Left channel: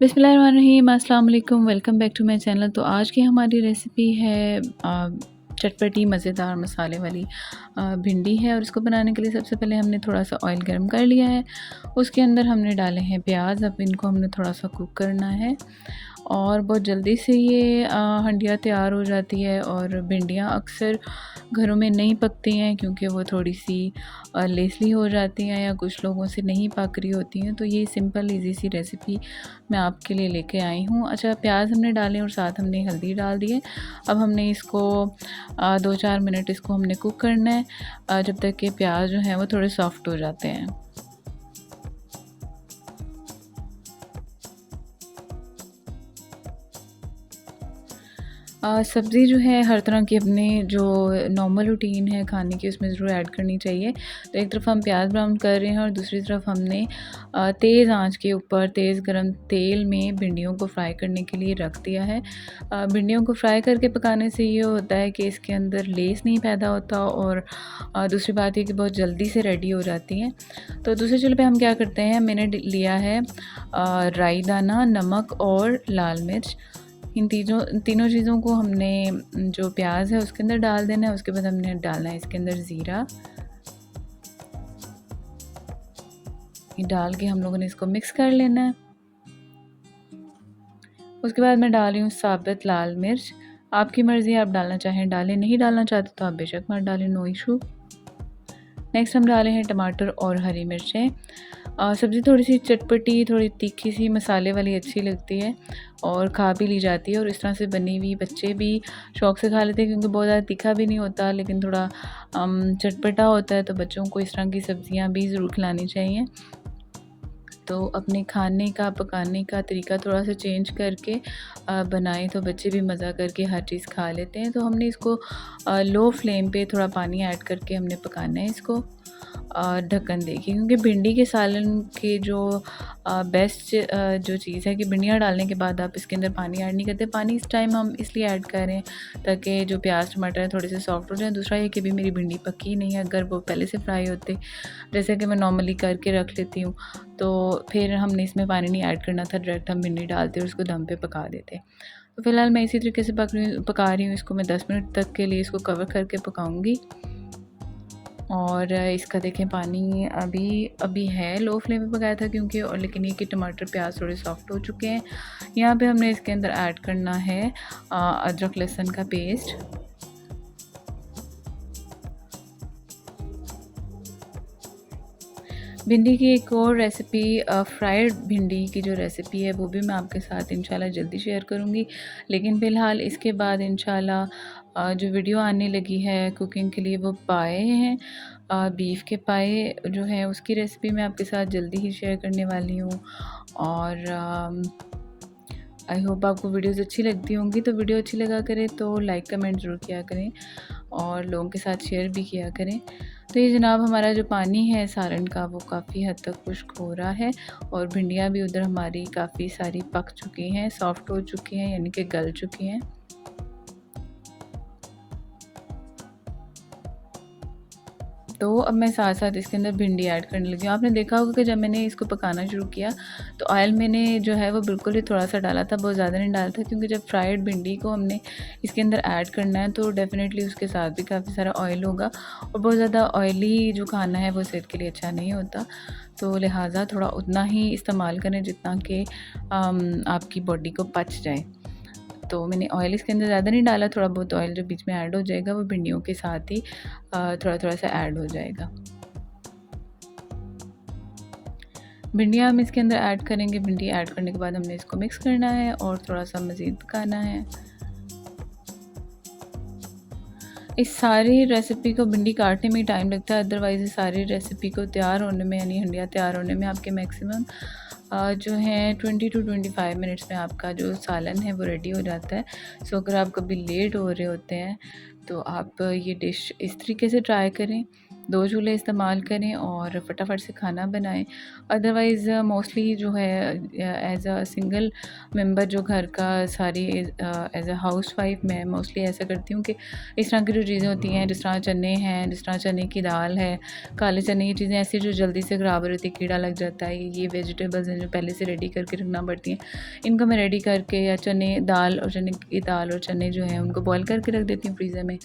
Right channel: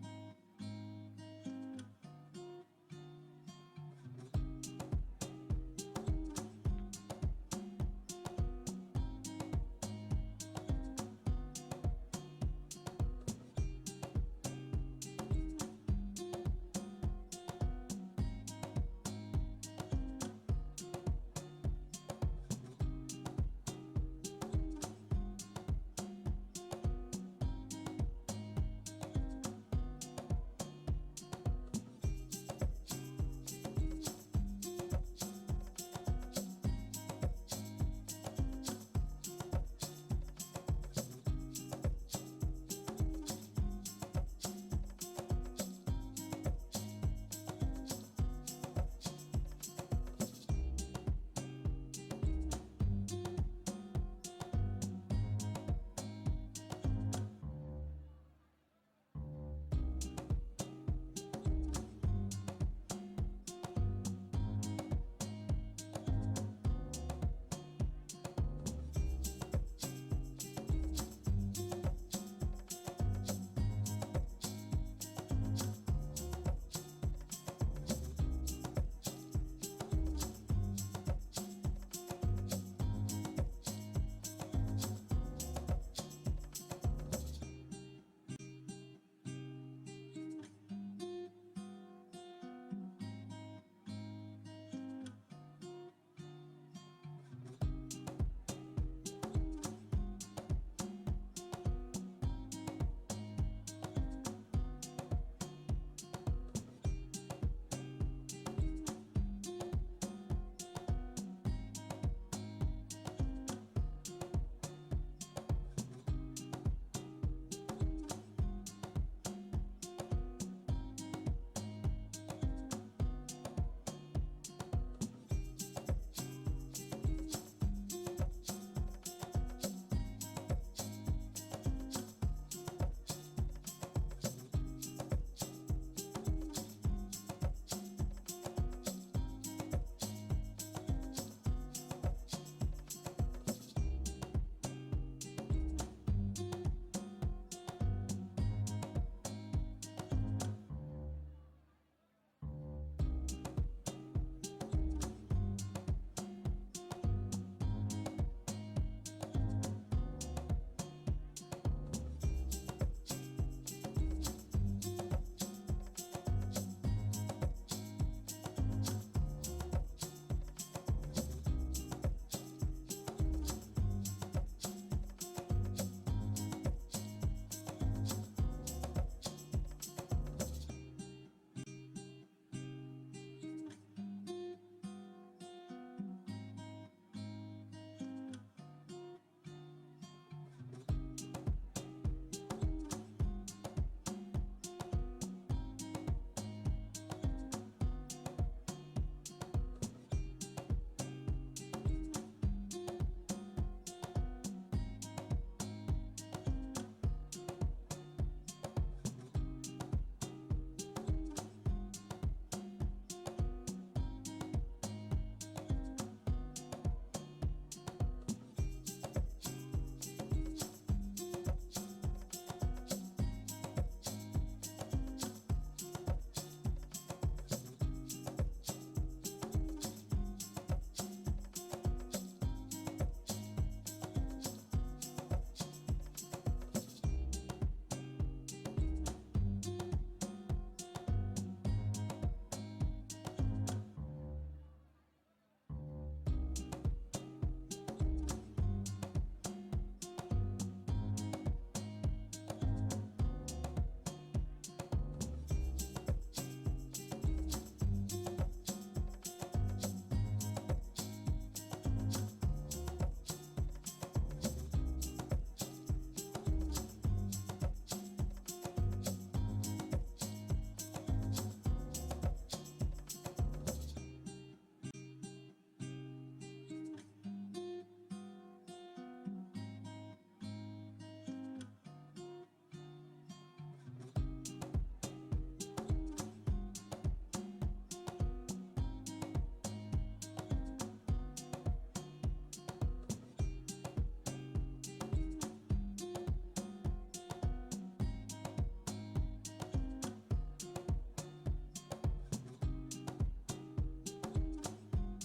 बिस्मिल्लाहिर्रहमानिर्रहीम, अस्सलाम वालेकुम, welcome back to my channel. तो आज की हमारी रेसिपी है चटपटी मज़ेदार मसाले वाली भिंडी है। और इसको बनाने के लिए सबसे पहले हमने थोड़ा सा ऑयल गर्म कर लिया है। उसके अंदर हमने डाले हैं प्याज। अब इनको हमने थोड़ा सा कुक करना है और बहुत जल्दी से ये हंडिया तैयार हो जाती है। और भिंडियाँ अक्सर घरों में नहीं पकती हैं क्योंकि वो थोड़ी सी लेसली हो जाती हैं या कुछ लोगों से नहीं पक रही होती हैं। तो ये सिंपल इजी सी रेसिपी मैं आपके लिए लेके आई हूँ। अच्छा, प्याज हमने डाले और साथ हमने हल्दी डाल दी है। अब हमने इसको 2-4 मिनट इसको हमने कुक करना है जब तक कि प्याज जो है वो थोड़े सॉफ्ट हो जाते हैं। सब्ज़ी जो है हर तरह की अपने जो नॉर्मल रूटीन है खाने की उसमें ज़रूर ऐड करनी चाहिए। तो एक तरफ हम प्याज ब्राउन कर रहे हैं और दूसरी तरफ हमने तेज़ आंच के ऊपर तेज़ गरम तेल में भिंडियों को फ्राई करने के लिए रख दिया है। भिंडियों को फ्राई करके पकाने से ये होता है कि इसके अंदर लेस नहीं पैदा होता और दूसरी बात ये कि बहुत जल्दी से रेडी हो जाती हैं। तो दूसरे चूल्हे पे हम क्या करते हैं, मैंने लिया है राई दाना, नमक और लाल मिर्च। इन तीनों चीज़ों को हमने जो प्याज है उसके अंदर डाल देना है। उसके बाद हमने डालना है इसके अंदर ज़ीरा। ये डाल के हम लोगों ने इसको मिक्स कर लेना है। उसके बाद मैं डाल रही हूँ साबुत लाल मिर्च। आपकी मर्ज़ी, आप डालना चाहें डालें, नहीं डालना चाहते तो आप बेशक मत डालें, नो इशू। नेक्स्ट हम डाले हैं टमाटर और हरी मिर्चें। सब्ज़ी थोड़ी सी चटपटी, थोड़ी तीखी सी मसाले वाली अच्छी लगती है और खा भी ली जाती है। और इस तरह से बनी हुई बच्चे भी शौक़ से खा लेते हैं क्योंकि बहुत ज़्यादा तीखा भी नहीं होता लेकिन थोड़ा चटपटा होता है। तो बच्चों को इस तरह की सब्ज़ियाँ भी ज़रूर खिलानी चाहिए। तो अपने खाने का पकाने का तरीका थोड़ा सा चेंज करके बनाएं तो बच्चे भी मज़ा करके हर चीज़ खा लेते हैं। तो हमने इसको लो फ्लेम पे थोड़ा पानी ऐड करके हमने पकाना है इसको ढक्कन देखिए, क्योंकि भिंडी के सालन के जो बेस्ट जो चीज़ है कि भिंडियाँ डालने के बाद आप इसके अंदर पानी ऐड नहीं करते। पानी इस टाइम हम इसलिए ऐड कर रहे हैं ताकि जो प्याज टमाटर है थोड़े से सॉफ्ट हो जाए। दूसरा ये कि भी मेरी भिंडी पकी नहीं है, अगर वो पहले से फ्राई होते जैसे कि मैं नॉर्मली करके रख लेती हूँ तो फिर हमने इसमें पानी नहीं ऐड करना था, डायरेक्ट हम भिंडी डालते और उसको दम पे पका देते। तो फ़िलहाल मैं इसी तरीके से पका रही हूँ इसको। मैं 10 मिनट तक के लिए इसको कवर करके पकाऊँगी। और इसका देखें पानी अभी अभी है, लो फ्लेम पे पकाया था क्योंकि, और लेकिन ये कि टमाटर प्याज थोड़े सॉफ्ट हो चुके हैं। यहाँ पे हमने इसके अंदर ऐड करना है अदरक लहसुन का पेस्ट। भिंडी की एक और रेसिपी, फ्राइड भिंडी की जो रेसिपी है वो भी मैं आपके साथ इंशाल्लाह जल्दी शेयर करूँगी। लेकिन फ़िलहाल इसके बाद इंशाल्लाह जो वीडियो आने लगी है कुकिंग के लिए वो पाए हैं, बीफ के पाए जो है उसकी रेसिपी मैं आपके साथ जल्दी ही शेयर करने वाली हूँ। और आई होप आपको वीडियोज़ अच्छी लगती होंगी। तो वीडियो अच्छी लगा करें तो लाइक कमेंट ज़रूर किया करें और लोगों के साथ शेयर भी किया करें। तो ये जनाब हमारा जो पानी है सालन का वो काफ़ी हद तक खुश्क हो रहा है और भिंडियाँ भी उधर हमारी काफ़ी सारी पक चुकी हैं, सॉफ्ट हो चुकी हैं, यानी कि गल चुकी हैं। तो अब मैं साथ साथ इसके अंदर भिंडी ऐड करने लगी हूँ। आपने देखा होगा कि जब मैंने इसको पकाना शुरू किया तो ऑयल मैंने जो है वो बिल्कुल ही थोड़ा सा डाला था, बहुत ज़्यादा नहीं डाला था, क्योंकि जब फ्राइड भिंडी को हमने इसके अंदर ऐड करना है तो डेफ़िनेटली उसके साथ भी काफ़ी सारा ऑयल होगा और बहुत ज़्यादा ऑयली जो खाना है वो सेहत के लिए अच्छा नहीं होता। तो लिहाजा थोड़ा उतना ही इस्तेमाल करें जितना कि आपकी बॉडी को पच जाए। तो मैंने ऑयल इसके अंदर ज़्यादा नहीं डाला, थोड़ा बहुत ऑयल जो बीच में ऐड हो जाएगा वो भिंडियों के साथ ही थोड़ा थोड़ा सा ऐड हो जाएगा। भिंडियाँ हम इसके अंदर ऐड करेंगे। भिंडी ऐड करने के बाद हमने इसको मिक्स करना है और थोड़ा सा मज़ीद पकाना है। इस सारी रेसिपी को भिंडी काटने में टाइम लगता है, अदरवाइज़ इस सारी रेसिपी को तैयार होने में यानी हंडिया तैयार होने में आपके मैक्सिमम जो है 20 to 25 मिनट्स में आपका जो सालन है वो रेडी हो जाता है। सो अगर आप कभी लेट हो रहे होते हैं तो आप ये डिश इस तरीके से ट्राई करें। 2 चूल्हे इस्तेमाल करें और फटाफट से खाना बनाएं। अदरवाइज़ मोस्टली जो है एज़ अ सिंगल मेंबर जो घर का सारी एज़ अ हाउस वाइफ मैं मोस्टली ऐसा करती हूँ कि इस तरह की जो चीज़ें होती हैं, जिस तरह चने हैं, जिस तरह चने की दाल है, काले चने, ये चीज़ें ऐसी जो जल्दी से ख़राब हो जाती है, कीड़ा लग जाता है, ये वेजिटेबल्स हैं जो पहले से रेडी करके रखना पड़ती हैं, इनको मैं रेडी करके या चने की दाल और चने जो हैं उनको बॉयल करके रख देती हूँ फ्रीज़र में।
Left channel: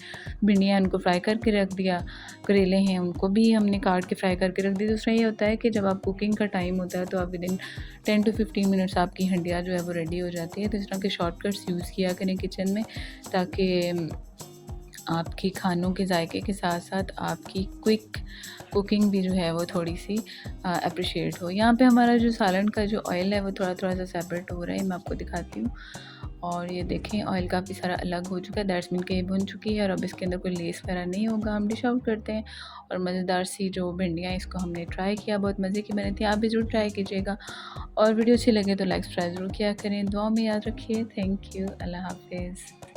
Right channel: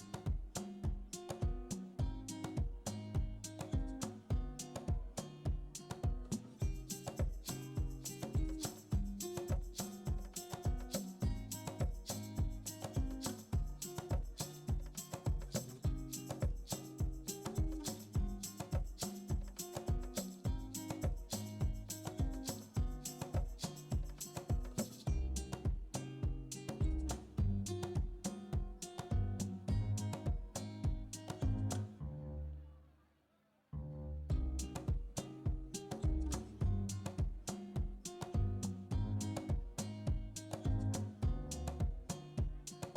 भिंडियाँ उनको फ्राई करके रख दिया, करेले हैं उनको भी हमने काट के फ्राई करके रख दी। दूसरा ये होता है कि जब आप कुकिंग का टाइम होता है तो आप विदिन 10 टू 15 मिनट्स आपकी हंडिया जो है वो रेडी हो जाती है। तो इस तरह के शॉर्टकट्स यूज़ किया करें किचन में, ताकि आपकी खानों के जायके के साथ साथ आपकी क्विक कुकिंग भी जो है वो थोड़ी सी अप्रिशिएट हो। यहाँ पे हमारा जो सालन का जो ऑयल है वो थोड़ा थोड़ा सा सेपरेट हो रहा है, मैं आपको दिखाती हूँ। और ये देखें ऑयल काफ़ी सारा अलग हो चुका है, दैट्स मीन कि ये भुन चुकी है और अब इसके अंदर कोई लेस वगैरह नहीं होगा। हम डिश आउट करते हैं। और मज़ेदार सी जो भिंडियाँ, इसको हमने ट्राई किया, बहुत मज़े की बनी थी, आप भी ज़रूर ट्राई कीजिएगा। और वीडियो अच्छी लगे तो लाइक सब्सक्राइब ज़रूर किया करें। दुआ में याद रखिए। Thank you. अल्लाह हाफिज़।